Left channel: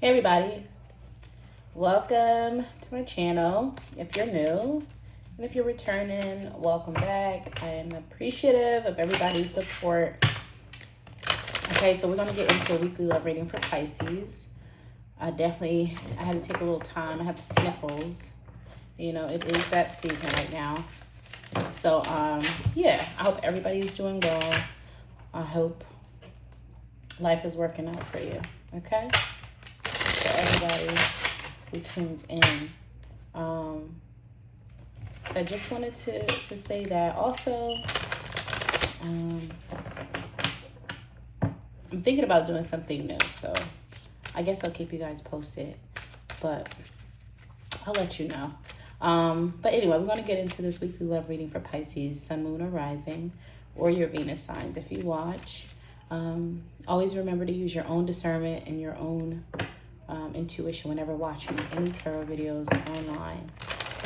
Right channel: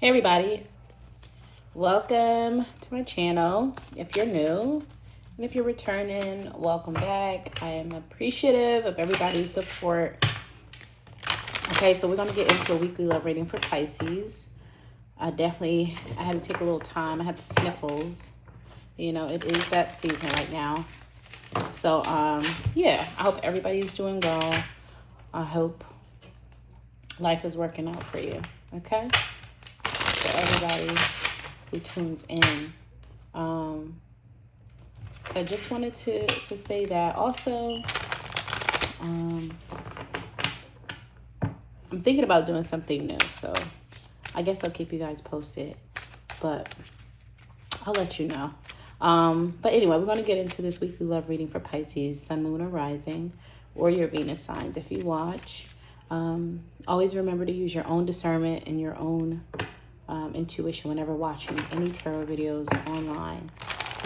Hey everybody, welcome to my channel. If you're new and if you're returning, welcome back. I am appreciative of everybody's support. Okay, so we're going to get into a weekly love reading for Pisces. I had to take a little time. I had the sniffles. You know, it is that season right now. So, yeah, I hope everybody's doing well. I hope life is working out for you, okay? Everybody who tunes in. So I just wanted to say that. Also, I'm thinking about doing something new, so I guess I'll keep you guys posted, but I'll let you know. But anyway, we're going to get into this weekly love reading for Pisces, Sun, Moon, or Rising, or your Venus signs if you watch. Always remember to use your own discernment and your own intuition whenever watching any tarot videos online.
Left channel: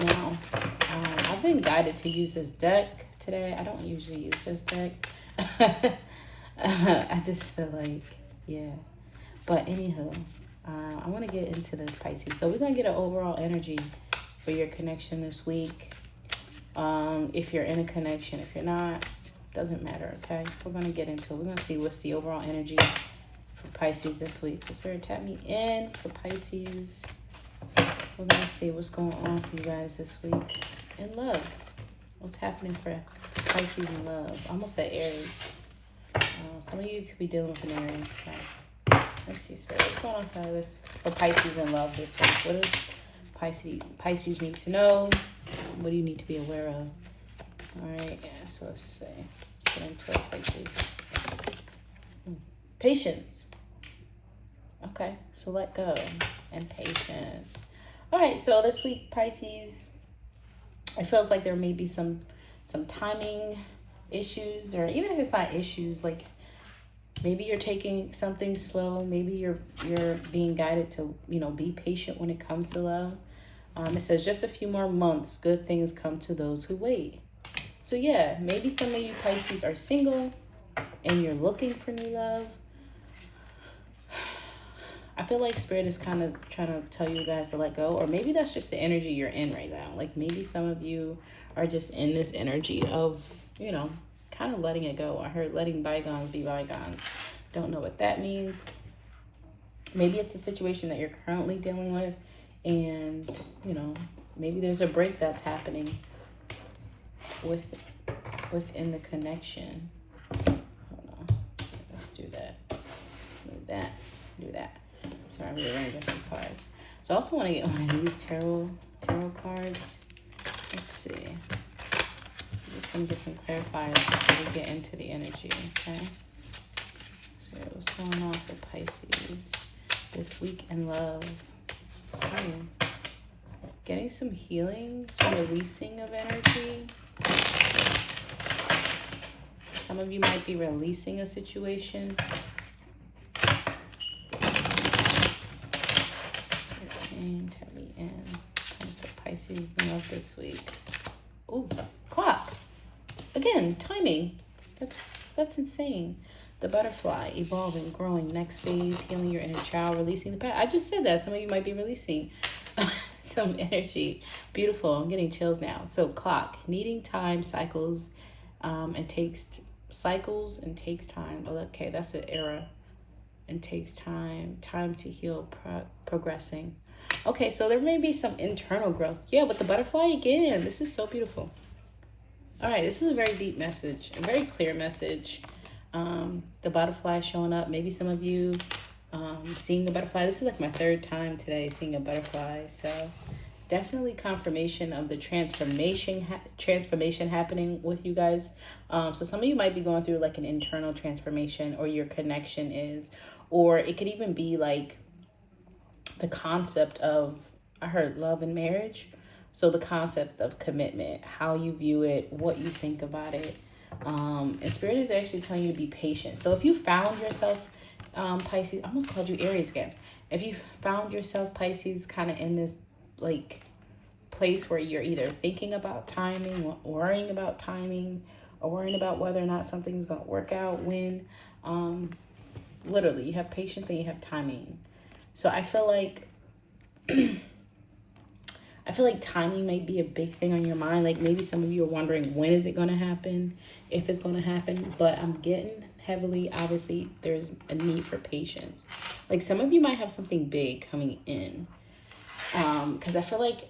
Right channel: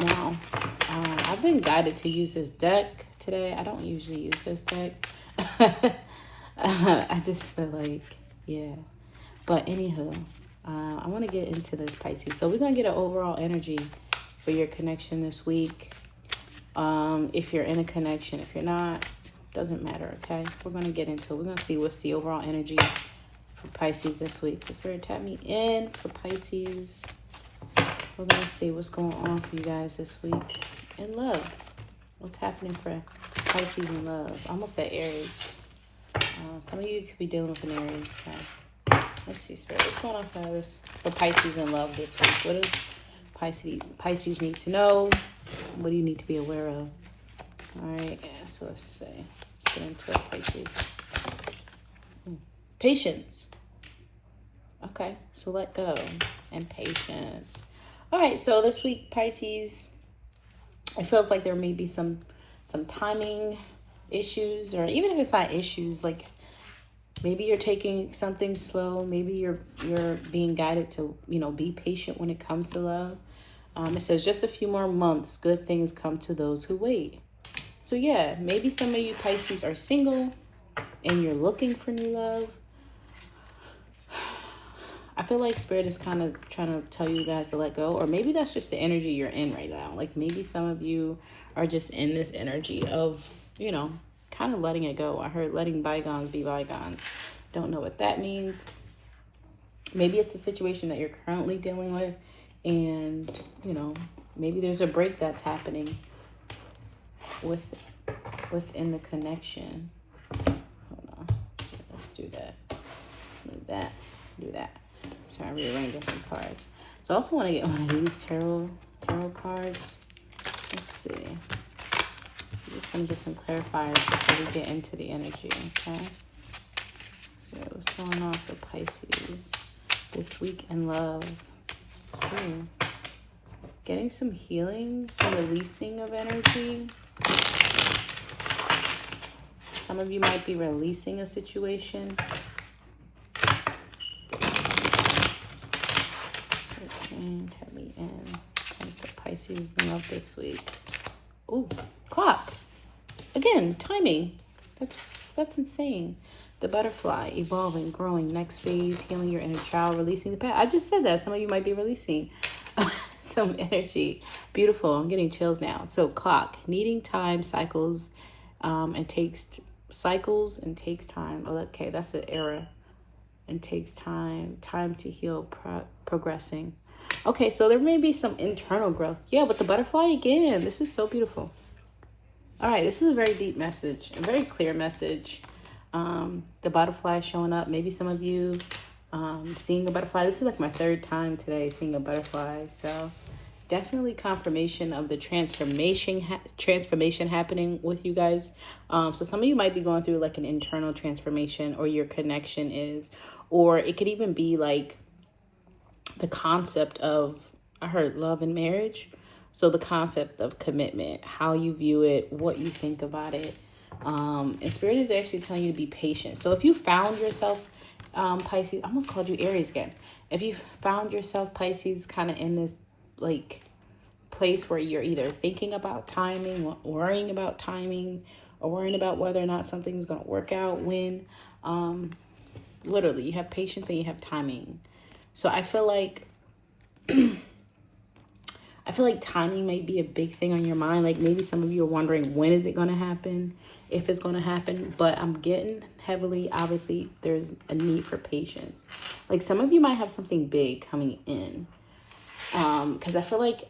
Now, I've been guided to use this deck today. I don't usually use this deck. I just feel like, yeah. But anywho, I want to get into this, Pisces. So we're going to get an overall energy for your connection this week. If you're in a connection, if you're not, doesn't matter, okay? We're going to get into it. We're going to see what's the overall energy for Pisces this week. So Spirit, tap me in for Pisces. We're going to see what's going on for you guys this week in love. What's happening for Pisces in love? I almost said Aries. Some of you could be dealing with an Aries. So let's see, Spirit, what's going on for this for Pisces in love this week? What does Pisces need to know? What do you need to be aware of? All right, yeah, so let's see. Let's get into it, Pisces. Patience. Okay, so let go and patience. All right, so this week, Pisces, it feels like there may be some timing issues, or even if it's not issues, like maybe you're taking something slow. Maybe you're being guided to, be patient when it comes to love. It says just a few more months, good things come to those who wait. So yeah, maybe some of you Pisces are single and you're looking for new love. I feel like Spirit is kind of trying to tell you guys to let go, or maybe that's just the energy you're in right now. Like maybe some of you are just in this energy of, kind of letting it go. I heard letting bygones be bygones. Don't know what that means. Maybe it's a situation that you're currently dealing with, and, maybe there's a break that's happening within the connection. Hold on. Let's do that. Move that. Do that. So I rearranged some cards. So I also want to get one of these tarot cards. Let's see. I'm just going to get some clarifiers before we get into the energy, okay? So what's going on for Pisces this week in love? Ooh. Getting some healing, some releasing of energy. Some of you might be releasing a situation. Tell me in comes to Pisces in love this week. Ooh, clock. Again, timing. That's insane. The butterfly, evolving, growing, next phase, healing your inner child, releasing the past. I just said that. Some of you might be releasing some energy. Beautiful. I'm getting chills now. So clock, needing time, cycles, and takes time. Okay, that's an error. And takes time to heal, progressing. Okay, so there may be some internal growth. Yeah, but the butterfly again, this is so beautiful. All right, this is a very deep message, a very clear message. The butterfly showing up. Maybe some of you seeing a butterfly. This is like my third time today seeing a butterfly. So definitely confirmation of the transformation happening with you guys. So some of you might be going through like an internal transformation, or your connection is, or it could even be like the concept of, I heard love and marriage. So the concept of commitment, how you view it, what you think about it. And Spirit is actually telling you to be patient. So if you found yourself, Pisces, I almost called you Aries again. If you found yourself, Pisces, kind of in this like place where you're either thinking about timing, worrying about timing, or worrying about whether or not something's going to work out when, literally, you have patience and you have timing. So I feel like timing may be a big thing on your mind. Like maybe some of you are wondering, when is it going to happen, if it's going to happen. But I'm getting heavily, obviously, there's a need for patience. Like some of you might have something big coming in. Because I feel like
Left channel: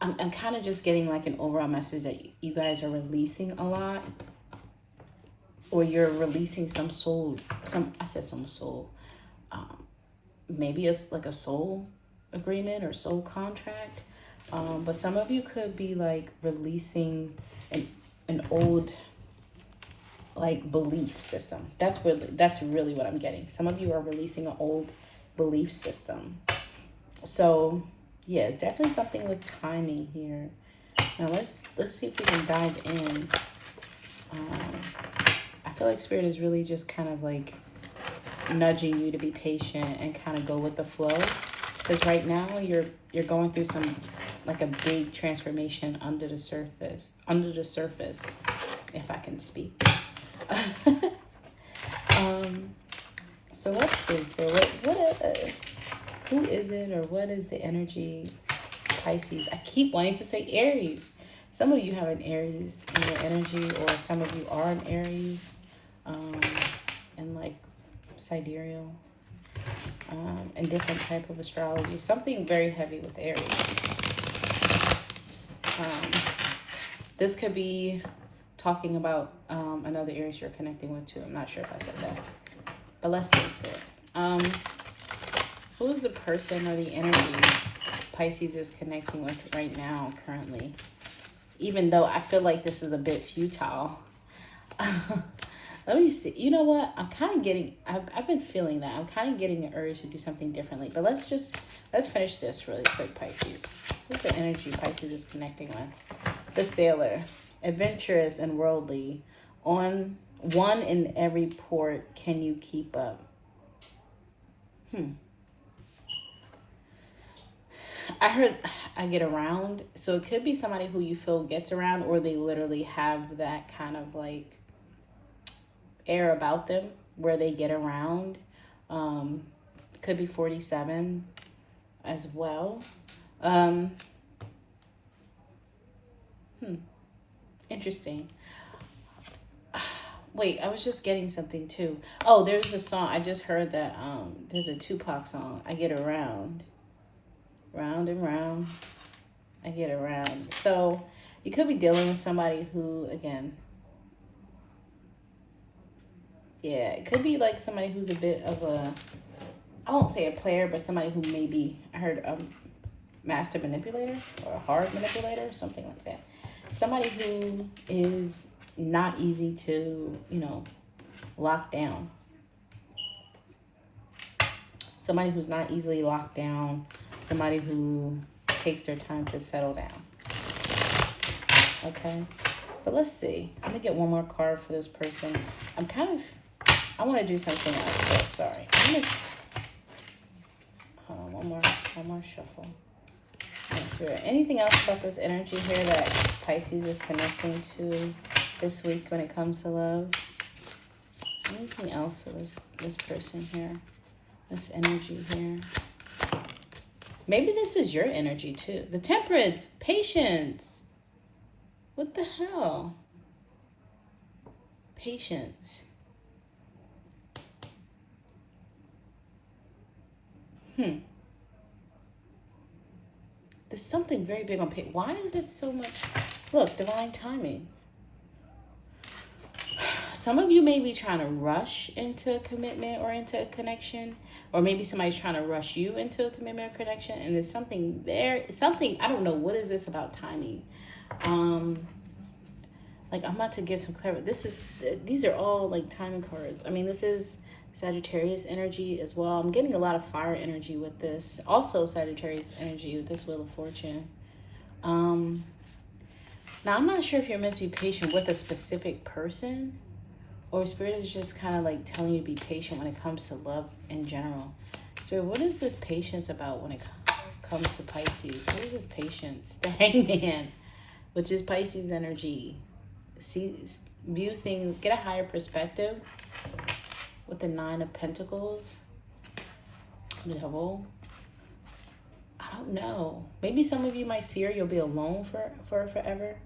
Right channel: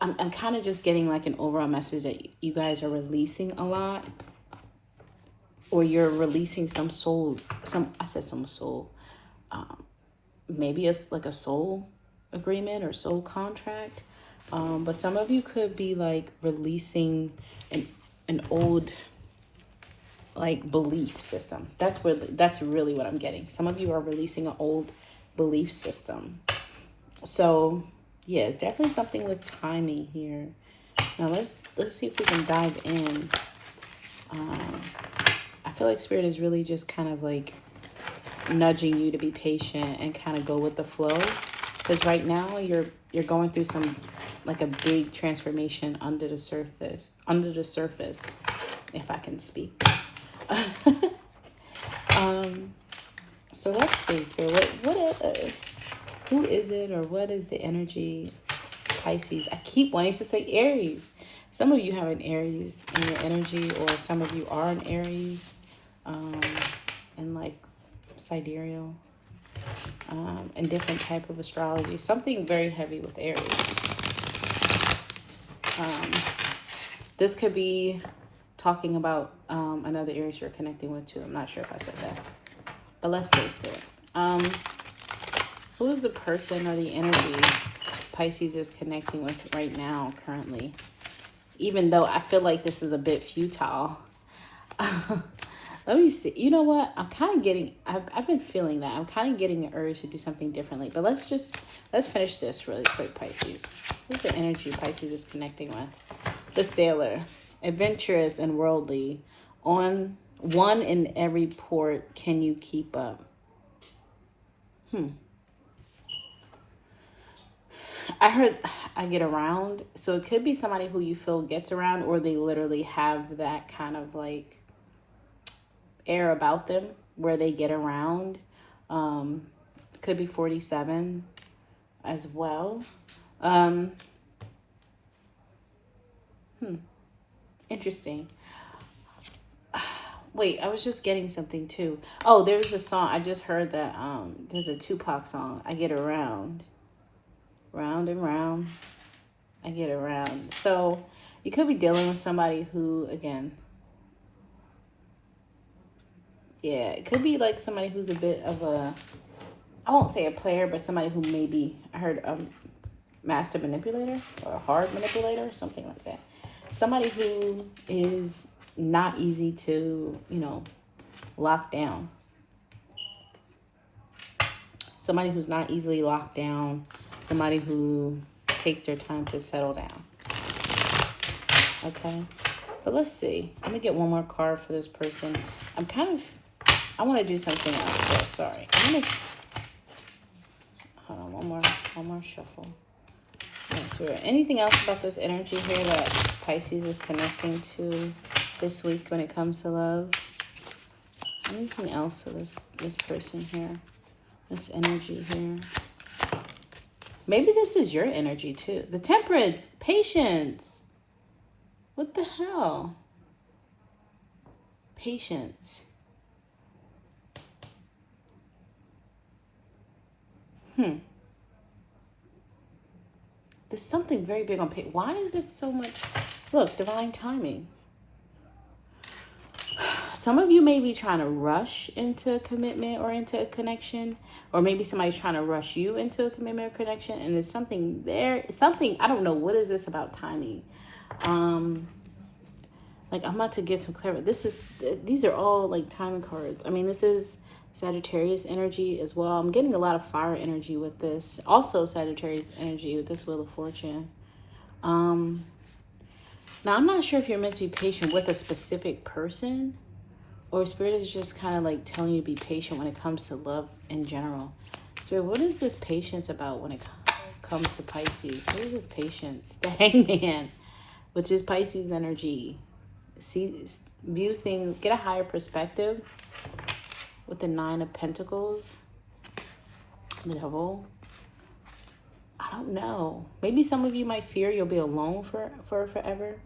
I'm kind of just getting like an overall message that you guys are releasing a lot. Or you're releasing some soul, maybe it's like a soul agreement or soul contract. But some of you could be like releasing an old like belief system. That's really what I'm getting. Some of you are releasing an old belief system. So yeah, it's definitely something with timing here. Now let's see if we can dive in. I feel like Spirit is really just kind of like nudging you to be patient and kind of go with the flow, because right now you're going through some like a big transformation under the surface, if I can speak. So let's see, Spirit, who is it, or what is the energy? Pisces. I keep wanting to say Aries. Some of you have an Aries in your energy, or some of you are an Aries, and like sidereal, and different type of astrology. Something very heavy with Aries. This could be talking about another Aries you're connecting with too. I'm not sure if I said that, but let's say Spirit. Who is the person or the energy Pisces is connecting with right now, currently? Even though I feel like this is a bit futile. Let me see. You know what? I'm kind of getting, I've been feeling that. I'm kind of getting an urge to do something differently. But let's finish this really quick, Pisces. What's the energy Pisces is connecting with? The Sailor. Adventurous and worldly. On one in every port, can you keep up? I heard I get around. So it could be somebody who you feel gets around, or they literally have that kind of like air about them where they get around. Could be 47 as well. Interesting. Wait, I was just getting something too. Oh, there's a song. I just heard that there's a Tupac song. I get around. Round and round. I get around. So you could be dealing with somebody who, again, yeah, it could be like somebody who's a bit of a, I won't say a player, but somebody who maybe, I heard a master manipulator or a hard manipulator, something like that. Somebody who is not easy to, lock down. Somebody who's not easily locked down. Somebody who takes their time to settle down. Okay. But let's see. Let me get one more card for this person. I want to do something else first. Sorry. Hold on, one more shuffle. Anything else about this energy here that Pisces is connecting to this week when it comes to love? Anything else for this person here? This energy here? Maybe this is your energy too. The Temperance, patience. What the hell? Patience. There's something very big on patience. Why is it so much? Look, divine timing. Some of you may be trying to rush into a commitment or into a connection, or maybe somebody's trying to rush you into a commitment or connection, and there's something there, I don't know, what is this about timing? Like I'm about to get some clarity. These are all like timing cards. I mean, this is Sagittarius energy as well. I'm getting a lot of fire energy with this. Also Sagittarius energy with this Wheel of Fortune. Now I'm not sure if you're meant to be patient with a specific person, or Spirit is just kind of like telling you to be patient when it comes to love in general. So what is this patience about when it comes to Pisces? What is this patience? The Hangman, which is Pisces energy. View things, get a higher perspective with the Nine of Pentacles. Devil. I don't know. Maybe some of you might fear you'll be alone for forever.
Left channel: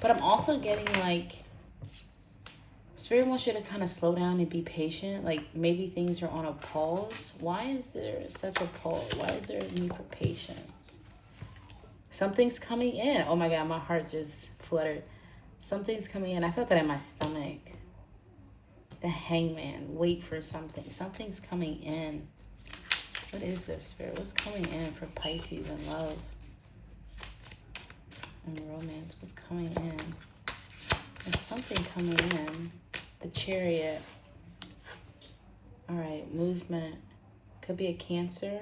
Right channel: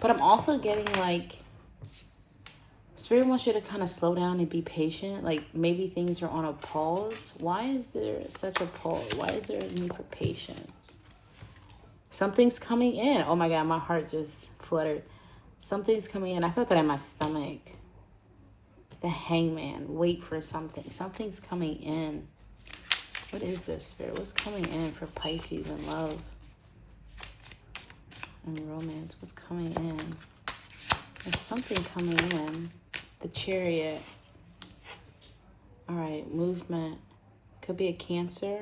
But I'm also getting like, Spirit wants you to kind of slow down and be patient. Like maybe things are on a pause. Why is there such a pause? Why is there a need for patience? Something's coming in. Oh my God, my heart just fluttered. Something's coming in. I felt that in my stomach. The Hangman. Wait for something. Something's coming in. What is this, Spirit? What's coming in for Pisces and love and romance? What's coming in? There's something coming in. The Chariot. All right, movement. Could be a Cancer.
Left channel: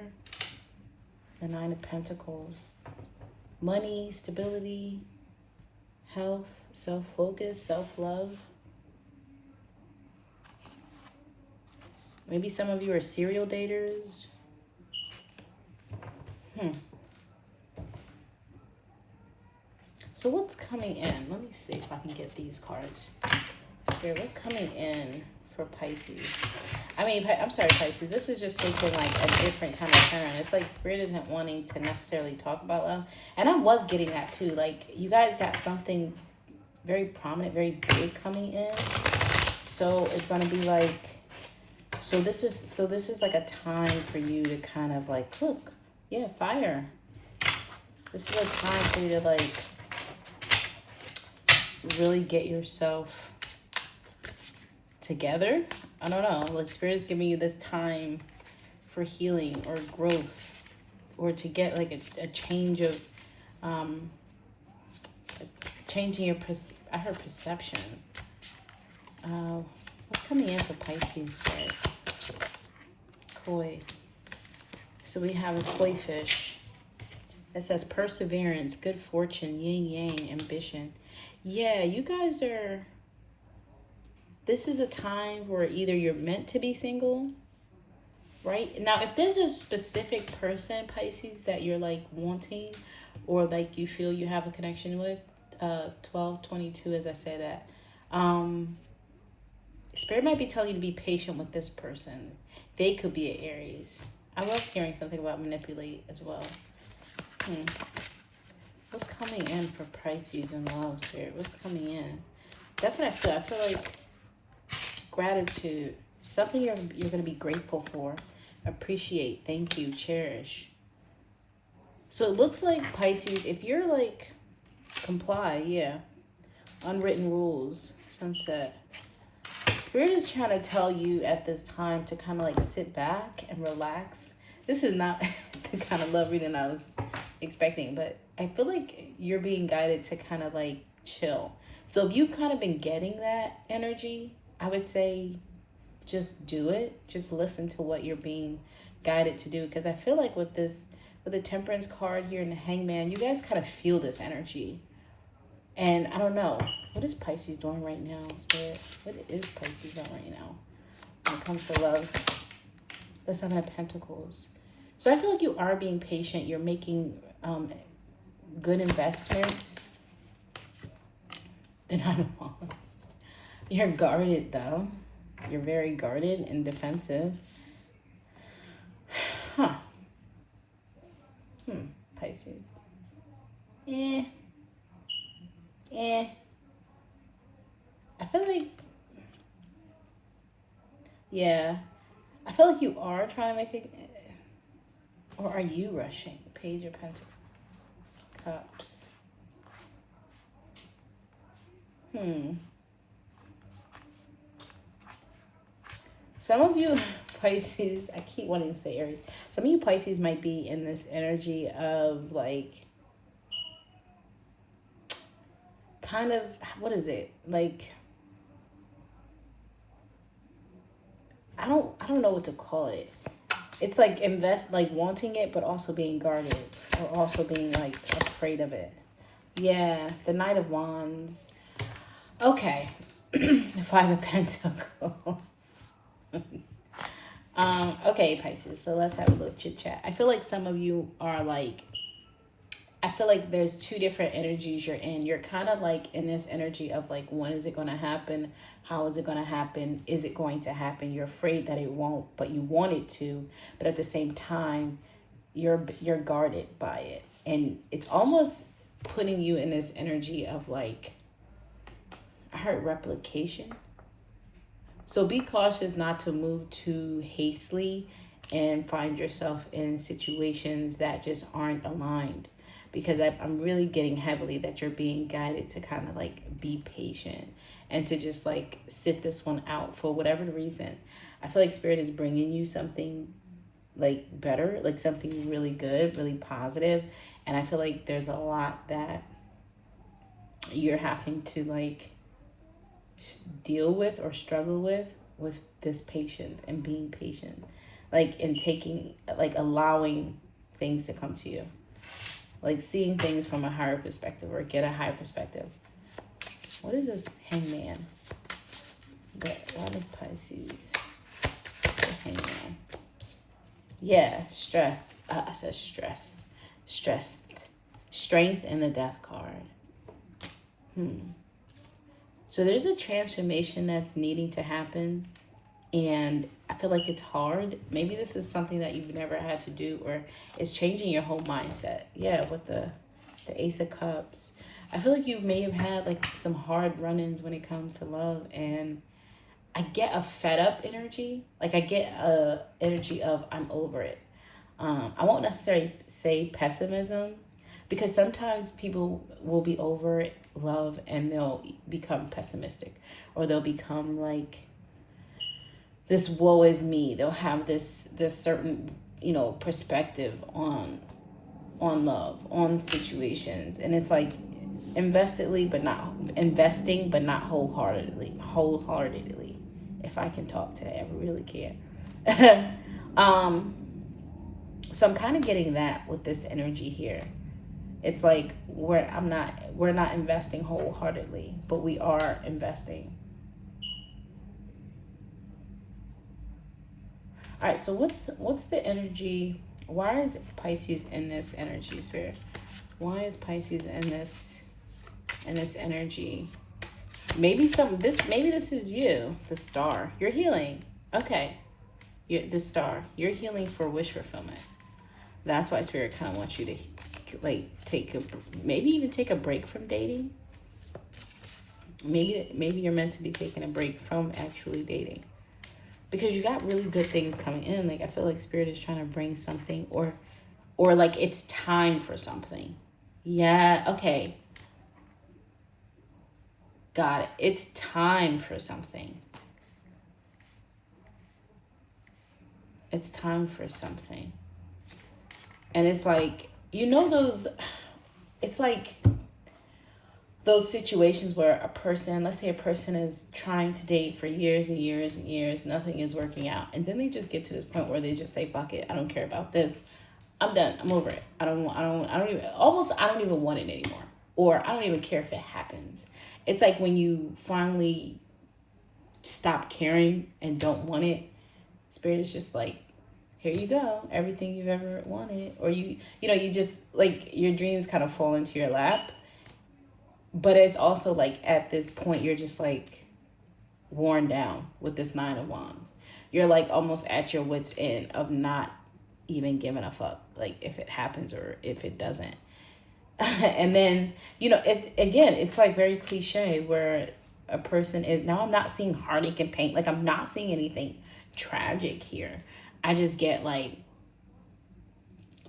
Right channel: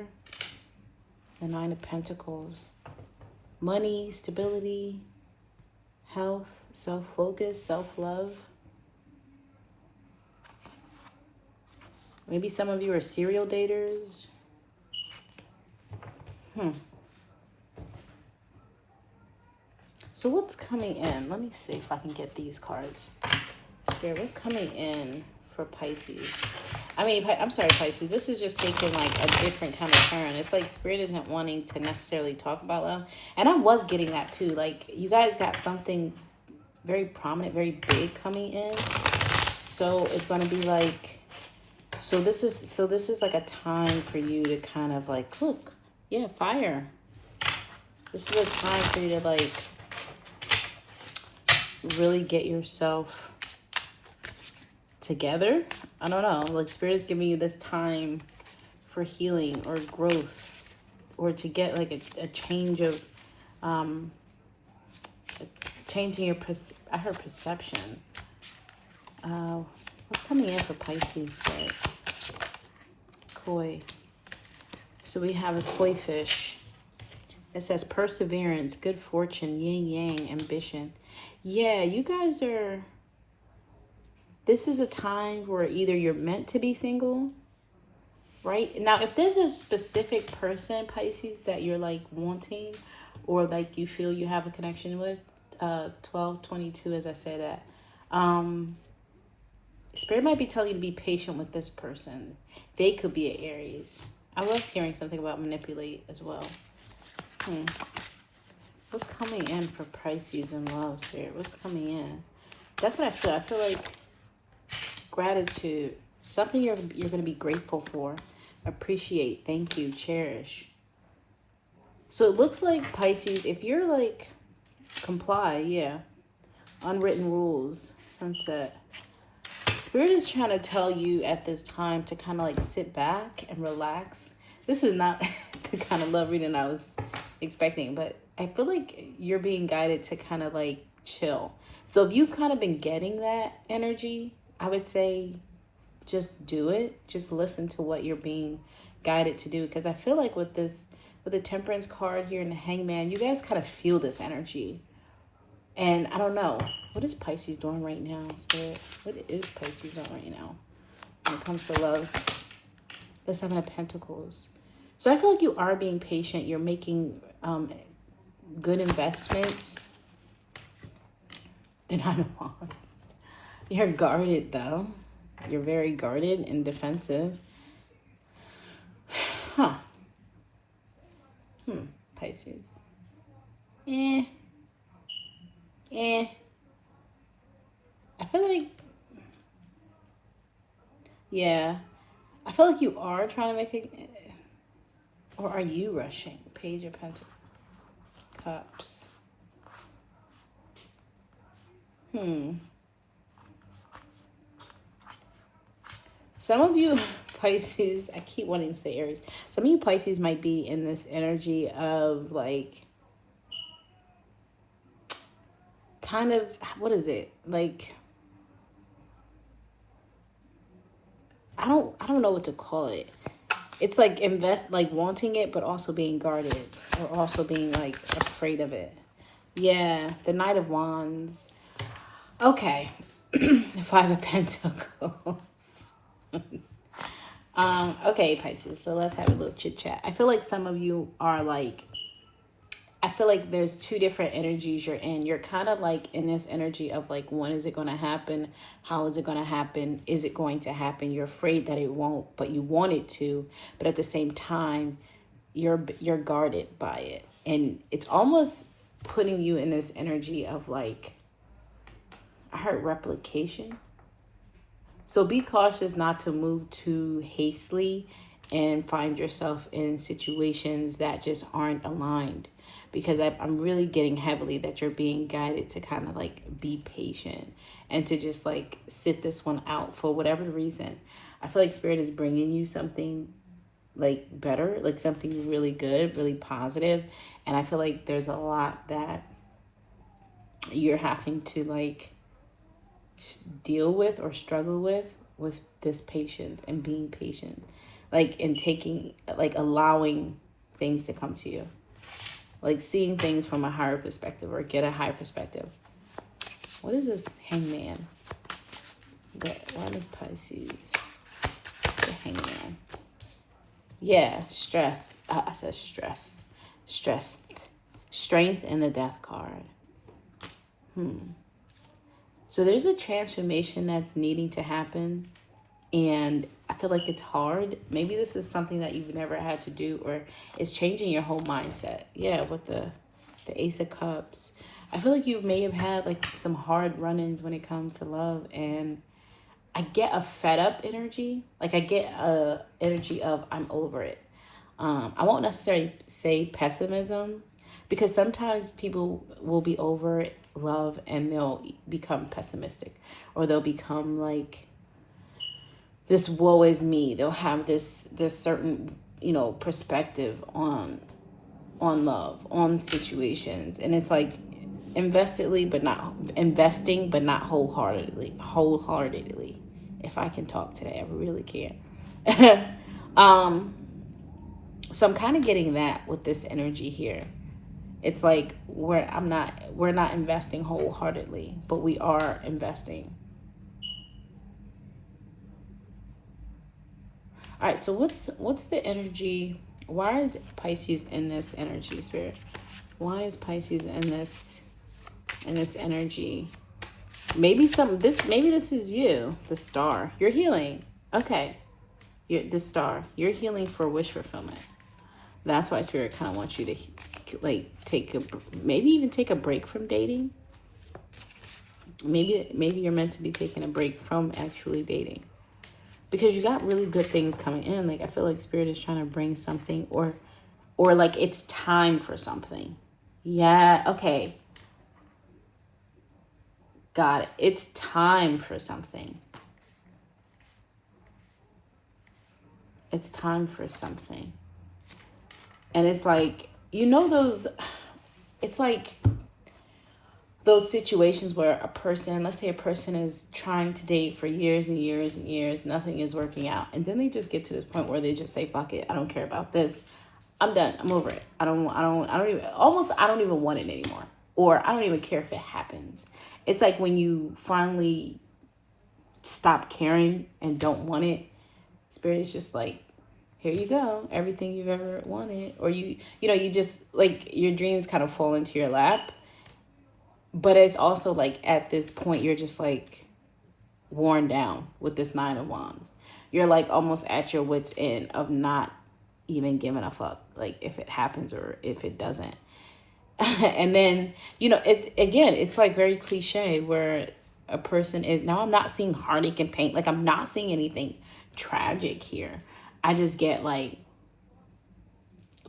The Nine of Pentacles. Money, stability, health, self-focus, self-love. Maybe some of you are serial daters. So what's coming in? Let me see if I can get these cards. Spirit, what's coming in for Pisces? I'm sorry, Pisces. This is just taking like a different kind of turn. It's like Spirit isn't wanting to necessarily talk about love. And I was getting that too. Like you guys got something very prominent, very big coming in. So it's going to be like, so this is like a time for you to kind of like, look, yeah, fire. This is a time for you to like really get yourself together. I don't know, like Spirit is giving you this time for healing or growth, or to get like a change of changing your I heard perception. What's coming in for Pisces, Spirit? Koi. So we have a koi fish. It says perseverance, good fortune, yin yang, ambition. Yeah, you guys are, this is a time where either you're meant to be single, right? Now, if there's a specific person, Pisces, that you're like wanting, or like you feel you have a connection with, 1222, as I say that, Spirit might be telling you to be patient with this person. They could be an Aries. I was hearing something about manipulate as well. What's coming in for Pisces and love, Spirit? What's coming in? That's what I feel. I feel like gratitude. Something you're going to be grateful for. Appreciate. Thank you. Cherish. So it looks like Pisces, if you're like, comply, yeah. Unwritten rules. Sunset. Spirit is trying to tell you at this time to kind of like sit back and relax. This is not the kind of love reading I was expecting, but I feel like you're being guided to kind of like chill. So if you've kind of been getting that energy, I would say just do it. Just listen to what you're being guided to do. Because I feel like with this, with the Temperance card here and the Hangman, you guys kind of feel this energy. And I don't know, what is Pisces doing right now, Spirit? What is Pisces doing right now when it comes to love? The Seven of Pentacles. So I feel like you are being patient. You're making good investments. The Nine of Wands. You're guarded, though. You're very guarded and defensive. Pisces. I feel like, yeah, I feel like you are trying to make it, or are you rushing? Page of Cups. Some of you Pisces, I keep wanting to say Aries. Some of you Pisces might be in this energy of like, kind of, what is it? Like, I don't know what to call it. It's like like wanting it, but also being guarded, or also being like afraid of it. Yeah, the Knight of Wands. Okay, Five of Pentacles. Okay, Pisces. So let's have a little chit chat. I feel like some of you are like, I feel like there's two different energies you're in. You're kind of like in this energy of like, when is it going to happen? How is it going to happen? Is it going to happen? You're afraid that it won't, but you want it to. But at the same time, you're guarded by it. And it's almost putting you in this energy of like, I heard replication. So be cautious not to move too hastily and find yourself in situations that just aren't aligned. Because I'm really getting heavily that you're being guided to kind of like be patient and to just like sit this one out for whatever reason. I feel like Spirit is bringing you something like better, like something really good, really positive. And I feel like there's a lot that you're having to like deal with or struggle with this patience and being patient, like, and taking, like, allowing things to come to you, like seeing things from a higher perspective or get a higher perspective. What is this Hangman? What is Pisces? The Hangman. Yeah, stress. I said stress. Strength and the Death card. So there's a transformation that's needing to happen, and I feel like it's hard. Maybe this is something that you've never had to do, or it's changing your whole mindset. Yeah, with the Ace of Cups. I feel like you may have had like some hard run-ins when it comes to love, and I get a fed up energy. Like I get a energy of I'm over it. I won't necessarily say pessimism, because sometimes people will be over love and they'll become pessimistic, or they'll become like, this woe is me. They'll have this certain, perspective on love, on situations. And it's like investing, but not wholeheartedly. If I can talk today, I really can. So I'm kind of getting that with this energy here. It's like we're not investing wholeheartedly, but we are investing. All right, so what's the energy? Why is Pisces in this energy, Spirit? Why is Pisces in this energy? Maybe this is you, the Star. You're healing. Okay. You're the Star. You're healing for wish fulfillment. That's why Spirit kind of wants you to like maybe even take a break from dating. Maybe you're meant to be taking a break from actually dating, because you got really good things coming in. Like I feel like Spirit is trying to bring something, or like it's time for something. Yeah, okay. Got it. It's time for something. It's time for something. And it's like, it's like those situations where let's say a person is trying to date for years and years and years, nothing is working out. And then they just get to this point where they just say, fuck it, I don't care about this. I'm done. I'm over it. I don't even want it anymore. Or I don't even care if it happens. It's like when you finally stop caring and don't want it, Spirit is just like, here you go, everything you've ever wanted. Or you just like your dreams kind of fall into your lap. But it's also like at this point you're just like worn down with this Nine of Wands. You're like almost at your wit's end of not even giving a fuck, like if it happens or if it doesn't. And then it's like very cliche where a person is, now I'm not seeing heartache and pain, like I'm not seeing anything tragic here. I just get like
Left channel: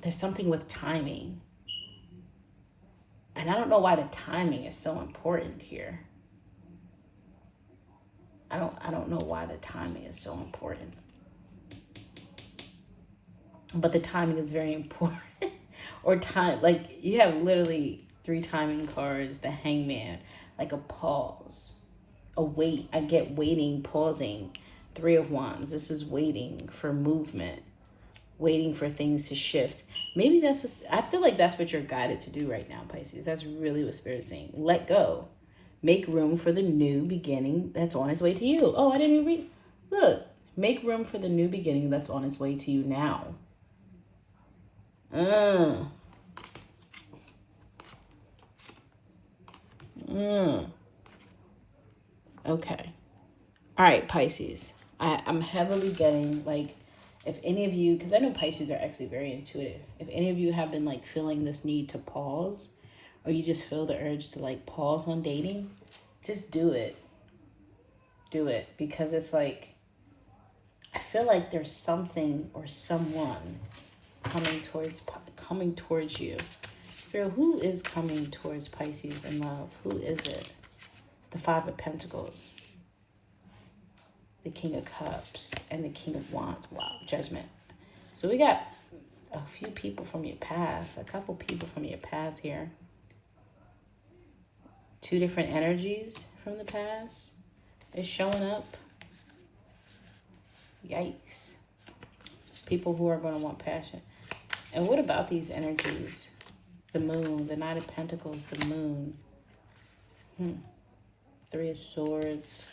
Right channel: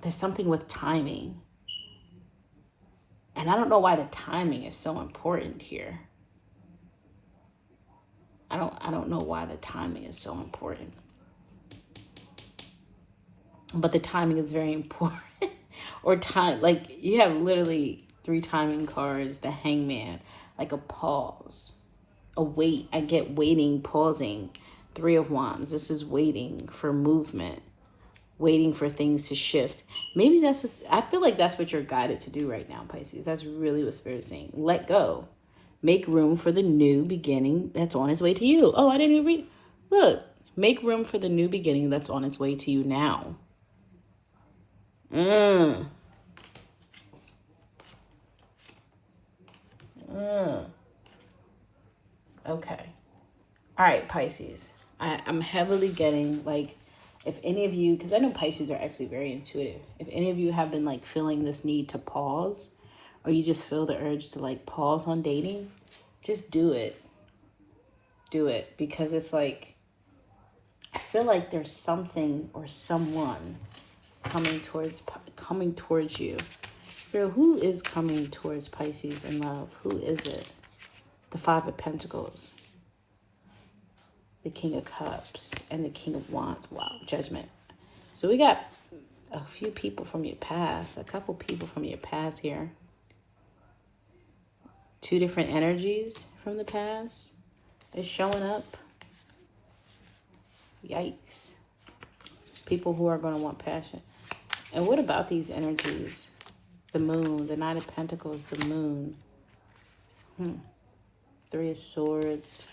there's something with timing, and I don't know why the timing is so important here. I don't know why the timing is so important, but the timing is very important. Or time, like you have literally 3 timing cards. The Hangman, like a pause, a wait. I get waiting, pausing. 3 of Wands. This is waiting for movement, waiting for things to shift. Maybe I feel like that's what you're guided to do right now, Pisces. That's really what Spirit is saying. Let go. Make room for the new beginning that's on its way to you. Oh, I didn't even read. Look, make room for the new beginning that's on its way to you now. Okay. All right, Pisces. I'm heavily getting like, if any of you, because I know Pisces are actually very intuitive. If any of you have been like feeling this need to pause, or you just feel the urge to like pause on dating, just do it. Do it, because it's like, I feel like there's something or someone coming towards you. Girl, who is coming towards Pisces in love? Who is it? The Five of Pentacles, the King of Cups, and the King of Wands. Wow, Judgment. So we got a few people from your past, a couple people from your past here. Two different energies from the past is showing up. Yikes. People who are going to want passion. And what about these energies? The moon, the Knight of Pentacles, the moon. Three of Swords,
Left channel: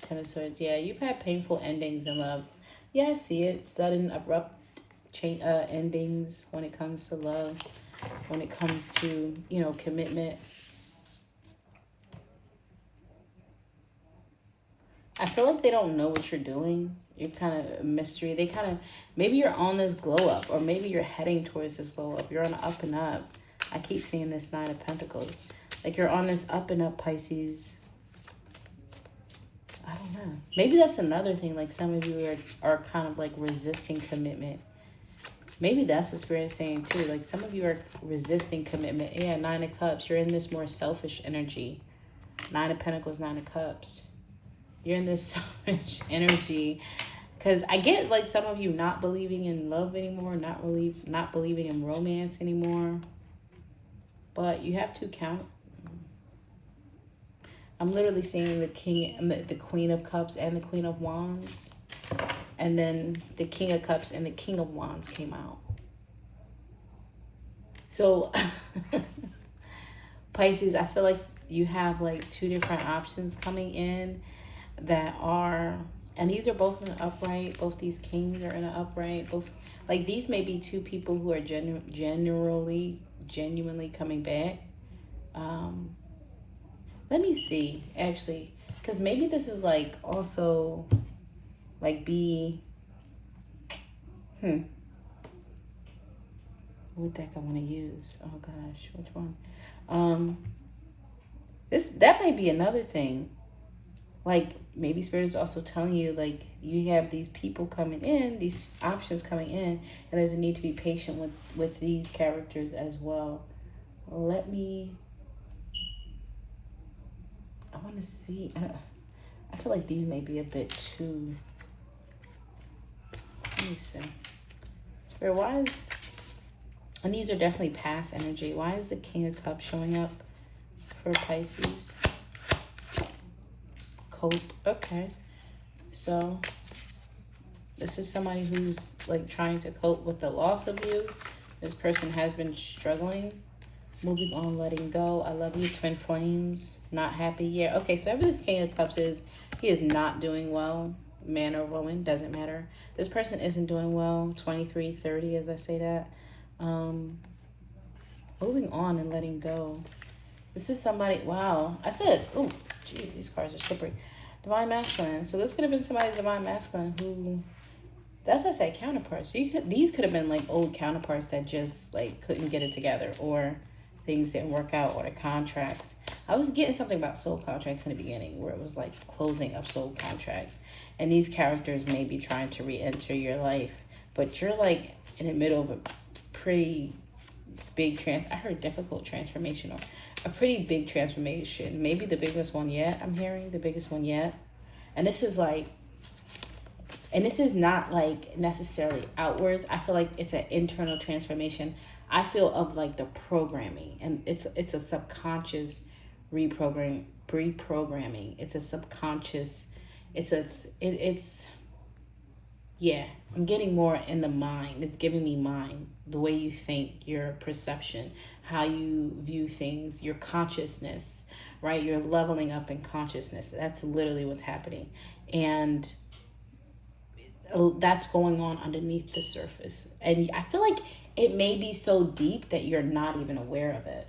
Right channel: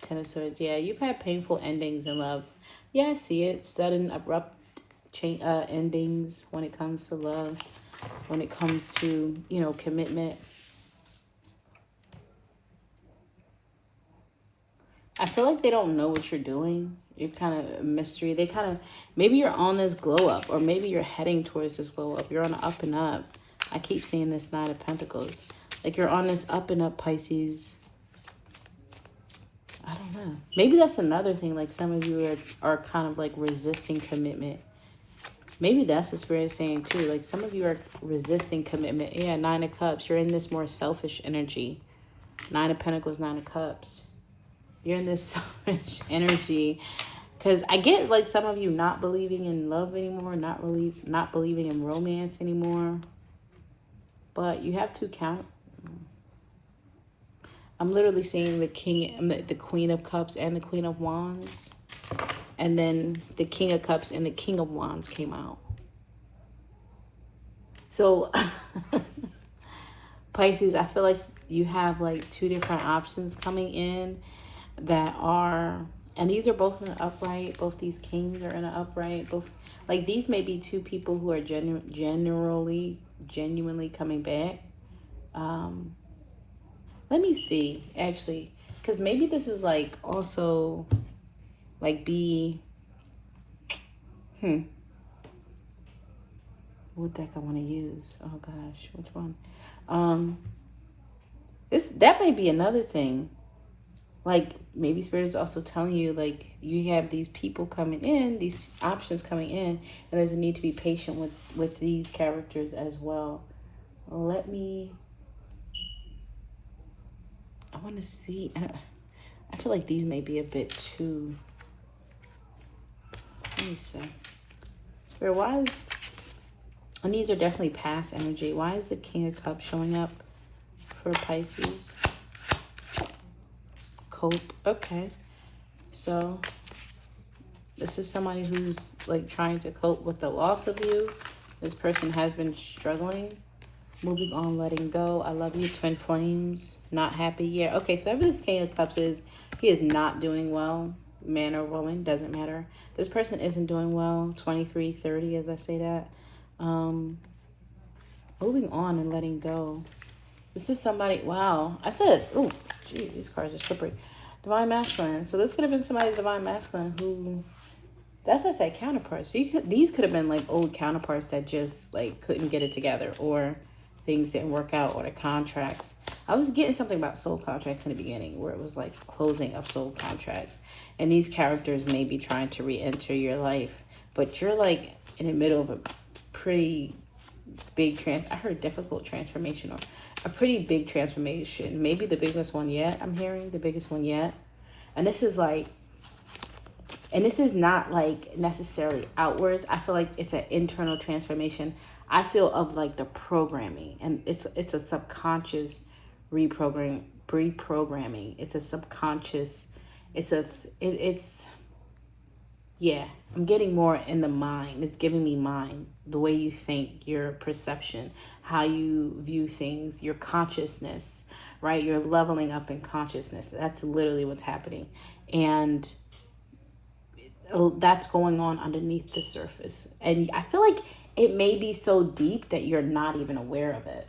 Ten of Swords. Yeah, you've had painful endings in love. Yeah, I see it. Sudden, abrupt endings when it comes to love. When it comes to, you know, commitment. I feel like they don't know what you're doing. You're kind of a mystery. They kind of, maybe you're on this glow up, or maybe you're heading towards this glow up. You're on an up and up. I keep seeing this Knight of Pentacles. Like you're on this up and up, Pisces. I don't know. Maybe that's another thing. Like some of you are kind of like resisting commitment. Maybe that's what Spirit is saying too. Like some of you are resisting commitment. Yeah, Nine of Cups. You're in this more selfish energy. Nine of Pentacles, Nine of Cups. You're in this selfish energy. Because I get like some of you not believing in love anymore. Not believing in romance anymore. But you have to count. I'm literally seeing the Queen of Cups and the Queen of Wands. And then the King of Cups and the King of Wands came out. So, Pisces, I feel like you have like two different options coming in that are, and these are both in an upright. Both these kings are in an upright. Both, like these may be two people who are genuinely coming back. Let me see, actually, because maybe this is like also like what deck I want to use? Oh gosh, which one? That may be another thing. Like maybe Spirit is also telling you like you have these people coming in, these options coming in, and there's a need to be patient with these characters as well. I want to see. I feel like these may be a bit too. Let me see. Spirit, why is, and these are definitely past energy. Why is the King of Cups showing up for Pisces? Cope. Okay. So this is somebody who's like trying to cope with the loss of you. This person has been struggling. Moving on, letting go. I love you, twin flames. Not happy. Yeah. Okay, so whoever this King of Cups is, he is not doing well. Man or woman, doesn't matter. This person isn't doing well. 23, 30, as I say that. Moving on and letting go. This is somebody, wow. I said, oh, geez, these cards are slippery. Divine Masculine. So this could have been somebody's Divine Masculine who, that's what I said, counterparts. So these could have been like old counterparts that just like couldn't get it together, or things didn't work out, or the contracts. I was getting something about soul contracts in the beginning where it was like closing of soul contracts. And these characters may be trying to re-enter your life, but you're like in the middle of a pretty big I heard difficult transformational. A pretty big transformation. Maybe the biggest one yet. I'm hearing the biggest one yet. And this is like, and this is not like necessarily outwards. I feel like it's an internal transformation. I feel of like the programming, and it's a subconscious reprogramming. It's a subconscious. Yeah, I'm getting more in the mind. It's giving me mind, the way you think, your perception, how you view things, your consciousness, right? You're leveling up in consciousness. That's literally what's happening. And that's going on underneath the surface. And I feel like it may be so deep that you're not even aware of it.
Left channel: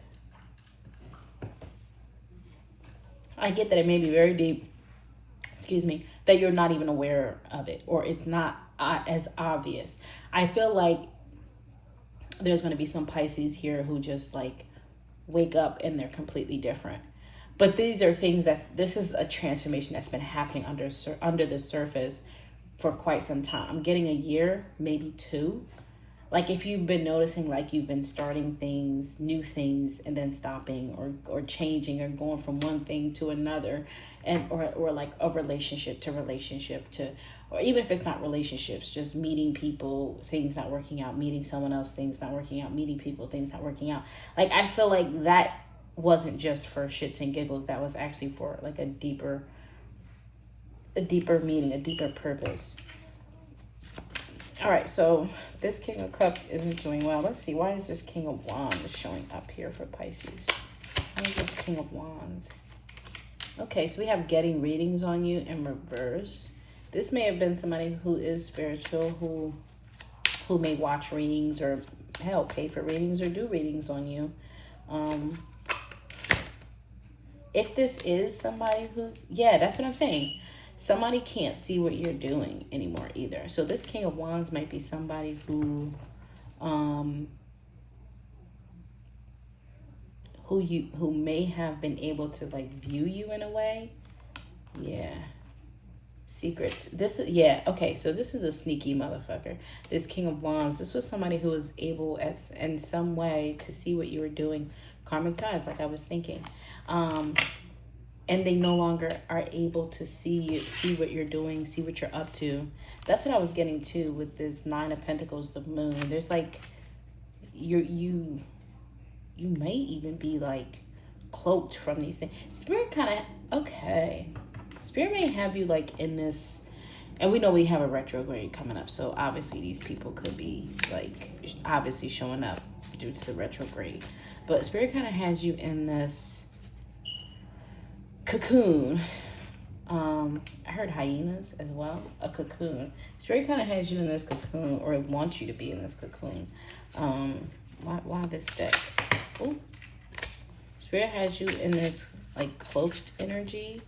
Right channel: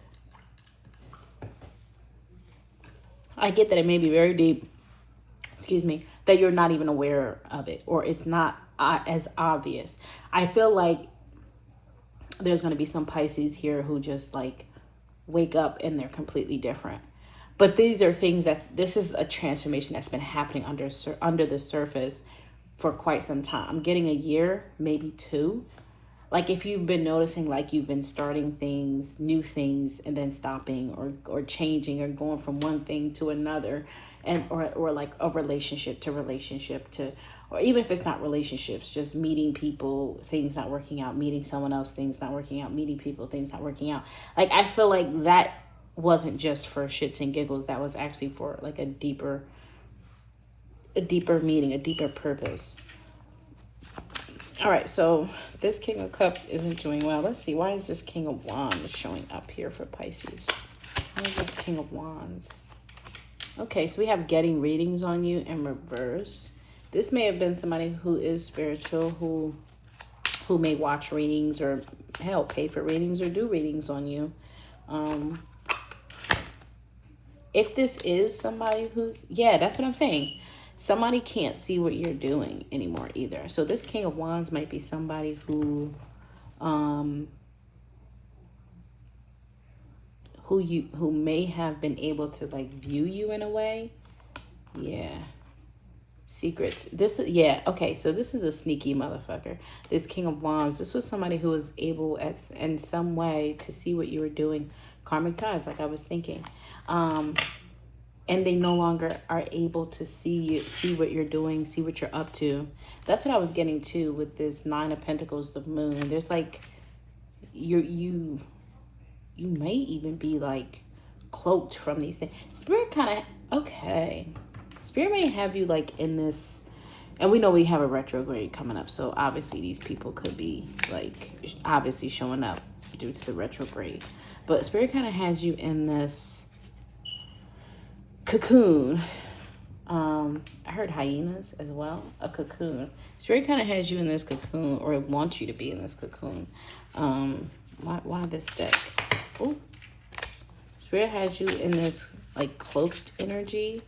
I get that it may be very deep, excuse me, that you're not even aware of it, or it's not as obvious. I feel like there's going to be some Pisces here who just like wake up and they're completely different. But these are things this is a transformation that's been happening under the surface for quite some time. I'm getting a year, maybe 2. Like if you've been noticing, like you've been starting things, new things, and then stopping or changing or going from one thing to another, and or like a relationship to, or even if it's not relationships, just meeting people, things not working out, meeting someone else, things not working out, meeting people, things not working out. Like I feel like that wasn't just for shits and giggles. That was actually for like a deeper meaning, a deeper purpose. All right, so this King of Cups isn't doing well. Let's see, why is this King of Wands showing up here for Pisces? Why is this King of Wands? Okay, so we have getting readings on you in reverse. This may have been somebody who is spiritual, who may watch readings or hell, pay for readings or do readings on you. If this is somebody who's, yeah, that's what I'm saying. Somebody can't see what you're doing anymore either. So this King of Wands might be somebody who may have been able to like view you in a way. Yeah. Secrets. Yeah, okay, so this is a sneaky motherfucker. This King of Wands, this was somebody who was able in some way to see what you were doing. Karmic ties, like I was thinking. And they no longer are able to see what you're doing, see what you're up to. That's what I was getting to with this 9 of Pentacles, the Moon. There's like, you may even be like cloaked from these things. Spirit kind of, okay. Spirit may have you like in this, and we know we have a retrograde coming up. So obviously these people could be like, obviously showing up due to the retrograde. But Spirit kind of has you in this cocoon. I heard hyenas as well. A cocoon. Spirit kind of has you in this cocoon, or wants you to be in this cocoon. Why this deck? Ooh. Spirit has you in this like cloaked energy,